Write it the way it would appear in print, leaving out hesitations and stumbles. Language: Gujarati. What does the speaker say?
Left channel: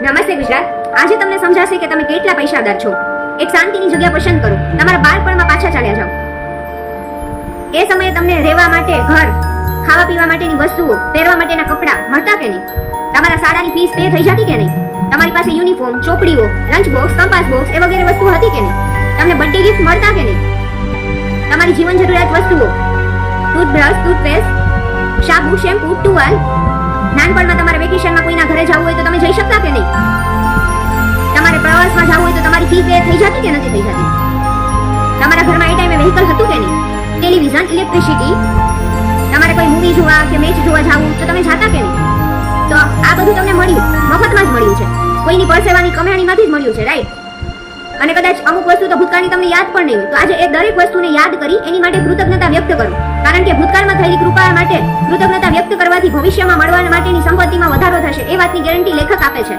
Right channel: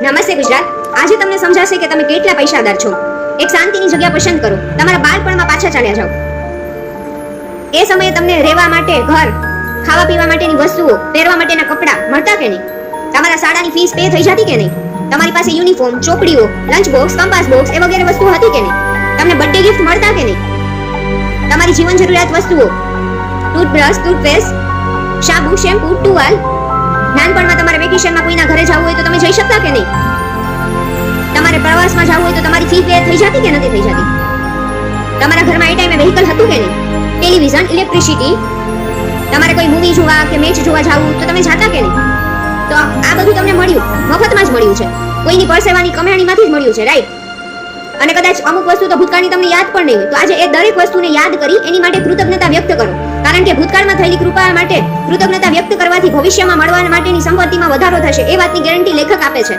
નમસ્તે ગુજરાત. આજે તમને સમજાશે કે તમે કેટલા પૈસાદાર છો. એક શાંતિની જગ્યા પસંદ કરો. તમારા બાળપણમાં પાછા ચાલ્યા જાઓ. એ સમયે તમને રહેવા માટે ઘર, ખાવા પીવા માટેની વસ્તુઓ, પહેરવા માટેના કપડાં મળતા કે નહીં? તમારા શાળાની ફીસ પે થઈ જતી કે નહીં? તમારી પાસે યુનિફોર્મ, ચોપડીઓ, લંચ બોક્સ, કંપાસ બોક્સ એ વગેરે વસ્તુઓ હતી કે નહીં? તમને બર્થડે ગિફ્ટ મળતા કે નહીં? તમારી જીવન જરૂરિયાત વસ્તુઓ, ટૂથબ્રશ, ટૂથપેસ્ટ, સાબુ, શેમ્પૂ, ટુવાલ. નાનપણમાં તમારે વેકેશનમાં કોઈના ઘરે જવું હોય તો તમે જઈ શકતા કે નહીં? તમારે પ્રવાસમાં જવું હોય તો તમારી ફી પે થઈ જતી કે નથી થઈ જતી? તમારા ઘરમાં એ ટાઈમે વેહિકલ હતું કે નહીં? Television, electricity. તમારે કોઈ મૂવી જોવા કે મેચ જોવા જવું તો તમે જાતા કે નહીં? તો આ બધું તમને મળ્યું, મફતમાં જ મળ્યું છે. કોઈની પરસેવાની કમાણીમાંથી જ મળ્યું છે, રાઈટ? અને કદાચ અમુક વસ્તુ તો ભૂતકાળની તમને યાદ પણ નહીં હોય, તો આજે એ દરેક વસ્તુને યાદ કરી એની માટે કૃતજ્ઞતા વ્યક્ત કરો. કારણ કે ભૂતકાળમાં થયેલી કૃપા માટે કૃતજ્ઞતા વ્યક્ત કરવાથી ભવિષ્યમાં મળવા માટેની સંપત્તિમાં વધારો થશે, એ વાતની ગેરંટી લેખક આપે છે.